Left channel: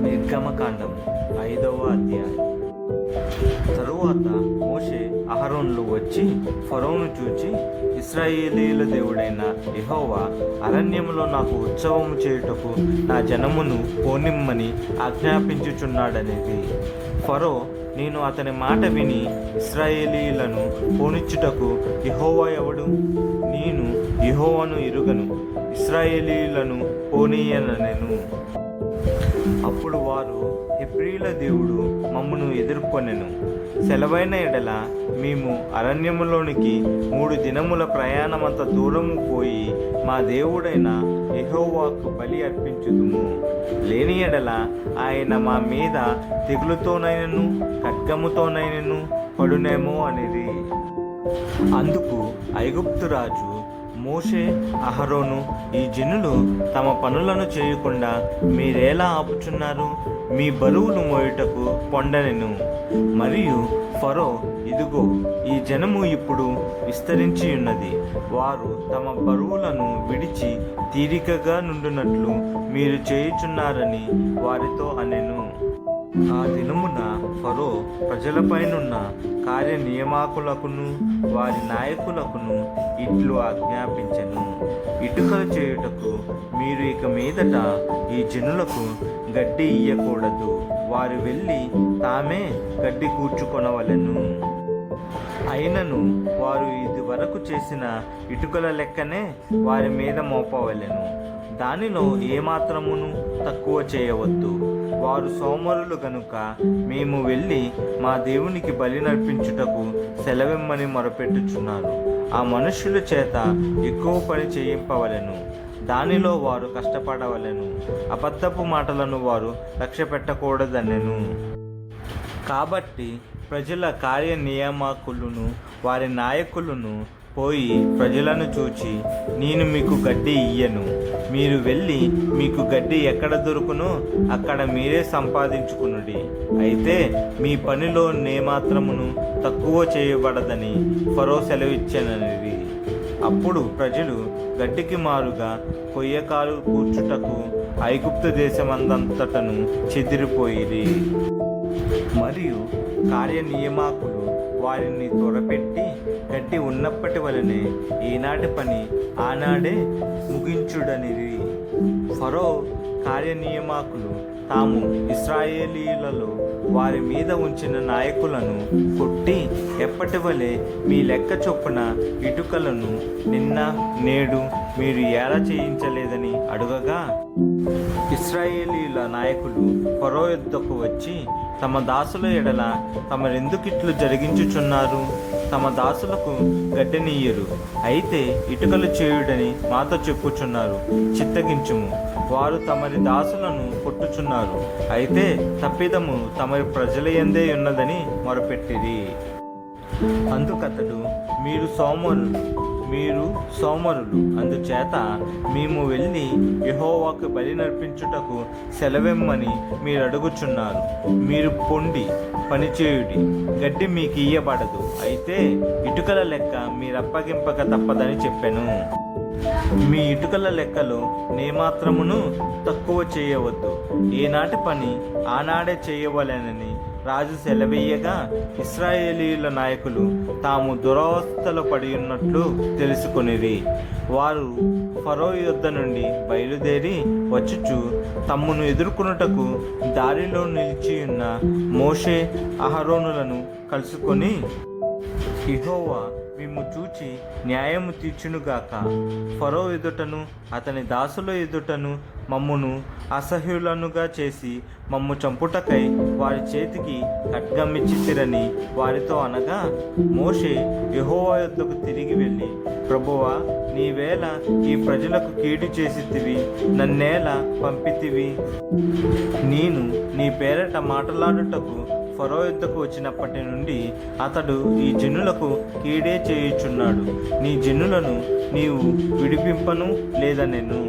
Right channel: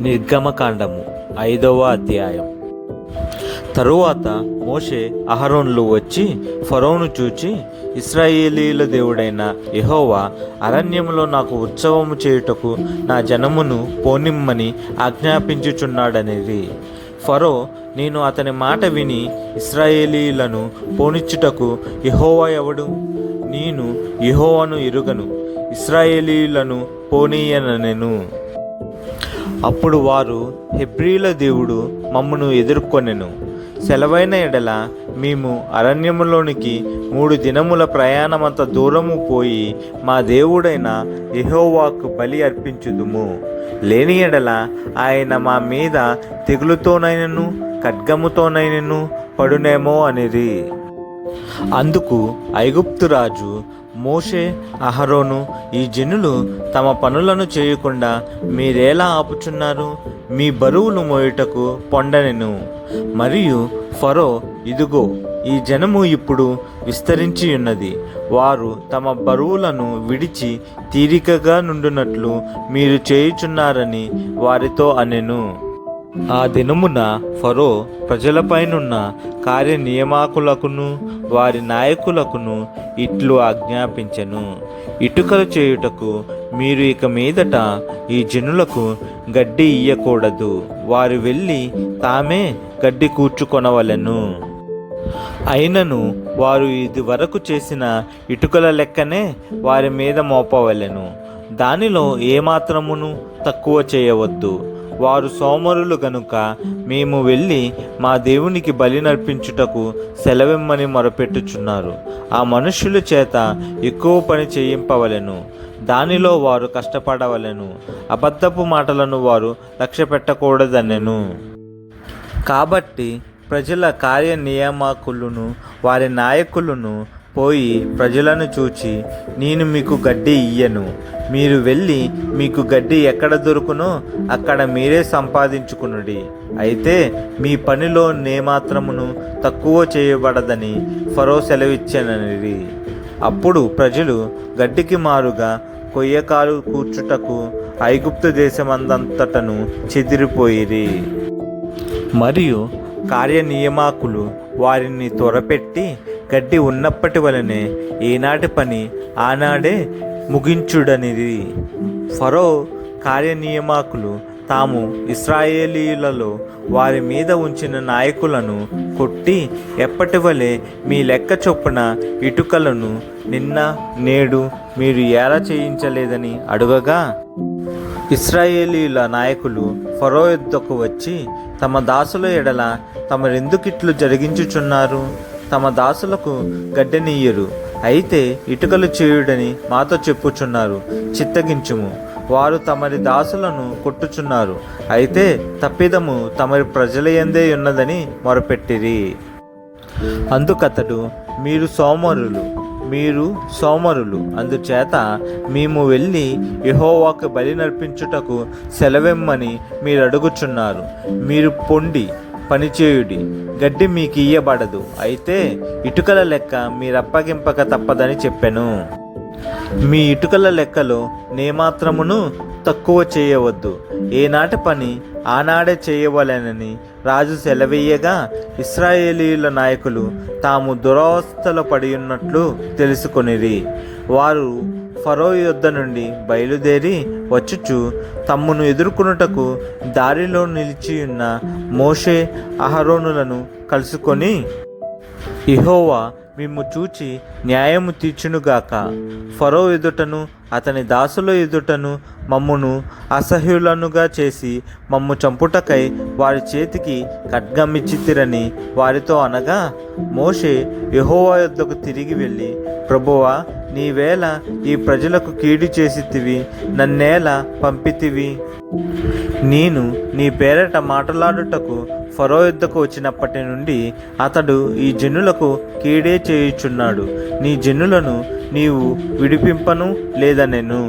నిర్గమకాండము ఐదవ అధ్యాయం. తరువాత మోషే అహరోన్లు వచ్చి ఫరోను చూచి ఇస్రాయేలీల దేవుడైన యహోవా అరణ్యంలో నాకు ఉత్సవము చేయుటకు నా జనమును పోనిమ్మని ఆజ్ఞాపించుచున్నాడనేది. ఫరో నేను అతని మాట విని ఇస్రాయేలీలను పోనిచ్చుటకు యహోవా ఎవడు? నేను యహోవాను ఎరుగను ఇస్రాయేలీలను పోనీయనెను. అప్పుడు వారు హెబ్రీల దేవుడు మమ్మను ఎదుర్కొనెను. సెలవైన ఎడల మేము అరణ్యములోనికి మూడు దినముల ప్రయాణమంత దూరము పోయి మా దేవుడైన ఎహోవాకు బలి అర్పించుదుము. లేని ఎడల ఆయన మా మీద తెగులుతోనైనను ఖడ్గముతోనైనను పడునేమో అనిరి. అందుకు ఐగుప్తు రాజు మోషే అహరోను ఈ జనులు తమ పనులను చేయకుండా మీరేలా ఆపుచున్నారు? మీ బరువులు మోయుటకు పొండనెను మరియు ఫరో ఇదిగో ఈ జనము ఇప్పుడు విస్తరించి ఉన్నది వారు తమ బరువులను విడిచి తీరికగా నుండునట్లు మీరు చేయుచున్నారని వారితో అనెను. ఆ దినమున ఫరో ప్రజలపైనున్న కార్యనియమాకులకును వారి నాయకులకును ఇట్లు ఆజ్ఞాపించెను. ఇటుకలు చేయుటకు మీరు ఇక మీదట ఈ జనులకు గడ్డి ఇయ్యకూడదు. వారు వెళ్ళి తామే గడ్డి కూర్చుకొనవలెను. అయినను వారు ఇది వరకు చేసిన ఇటుకల లెక్కనే వారి మీద మోపవలెను. దానిలో ఏమాత్రమును తక్కువ చేయవద్దు. వారు సోమరులు గనుక మేము వెళ్ళి మా దేవునికి బలి నర్పించుటకు సెలవిమ్మని మొరపెట్టుచున్నారు. ఆ మనుష్యుల చేత ఎక్కువ పని చేయింపవలెను. దానిలో వారు కష్టపడవలెను. అబద్ధపు మాటలను వారు లక్ష్య పెట్టకూడదనెను కాబట్టి ప్రజల కార్యనియామకులను వారి నాయకులను పోయి ప్రజలను చూచి నేను మీకు గడ్డి ఇయ్యను. మీరు వెళ్ళి మీకు గడ్డి ఎక్కడ దొరుకునో అక్కడ మీరే సంపాదించుకునుడి. అయితే మీ పనిలో నేమాత్రమును తక్కువ చేయబడదని ఫరో సెలవిచ్చానని అప్పుడు ప్రజలు గడ్డికి మారుగా కొయ్యకాలు కూర్చుటకు ఐగుప్తు దేశమందంతటను చెదిరిపోయిరి. మరియు కార్యనియమాకులు వారిని త్వరపెట్టి గడ్డి ఉన్నప్పటి వలనే ఈనాటి పని ఆనాడే ముగించుడనిది. ఫరో కార్యనియమాకులు తాము ఇస్రాయేలీలలో వారి మీద ఉంచిన నాయకులను కొట్టి ఎప్పటి వలె మీ లెక్క చొప్పున ఇటుకలను నిన్న నేడు మీరు ఎలా చేయించలేదని అడుగగా? ఇస్రాయేలీల నాయకులు ఫరో యుద్ధకు వచ్చి తమ దాసుల ఎడల తమరెందుకిట్లు జరిగించుచున్నారు? తమ దాసులకు గడ్డనీయరు. అయితే ఇటుకలు చేయుడని మాతో చెప్పుచున్నారు చిత్తగించుము. వారు తమరి దాసులను కొట్టుచున్నారు. అయితే తప్పిదము తమరి ప్రజలయందే ఉన్నదని మొరపెట్టిరి. అందుకతడు మీరు సోమరులు మీరు సోమరులు. అందుచేత మేము వెళ్ళి యహోవాకు బలి నర్పించుటకు సెలవెమ్మని మీరు అడుగుచున్నారు మీరు పొండి పనిచేయుడి. గడ్డి మీకు ఇయ్యబడదు అయితే ఇటుకల లెక్క మీరప్పగింపక తప్పదని చెప్పెను. మీ ఇటుకల లెక్కలో నేమాత్రమును తక్కువ చేయవద్దు. ఏనాటి పని ఆనాడే చేయవలెనని రాజు సెలవీయగా ఇస్రాయేలీల నాయకులు తాము దురవస్థలో పడి ఉన్నట్లు తెలుసుకొనిరి. వారు ఫరో యుద్ధ నుండి బయలుదేరి వచ్చుచు తమ్మును ఎదుర్కొనుటకు దారిలో నిలిచి ఉన్న మోషే అహరోనులను కలుసుకొని ఇహోవా మిమ్ము చూచి న్యాయము తీర్చునుగాక. ఫరో ఎదుటను అతని దాసుల ఎదుటను మమ్మును అసహ్యులనుగా చేసి మమ్ము చంపుటకై వారి చేతికి ఖడ్గమిచ్చితిరని వారితో అనగా మోషే యహోవా యొద్దకు తిరిగి వెళ్ళి ప్రభువా నీవేళ ఈ ప్రజలకు కీడు చేసితివి నన్నేలా పంపితివి. నేను నీ పేరట మాట్లాడుటకు ఫరో యుద్ధకు వచ్చినప్పటి నుండి అతడు ఈ జనులకు కీడే చేయుచున్నాడు. నీ జనులను నీవు విడిపింపను లేదనెను.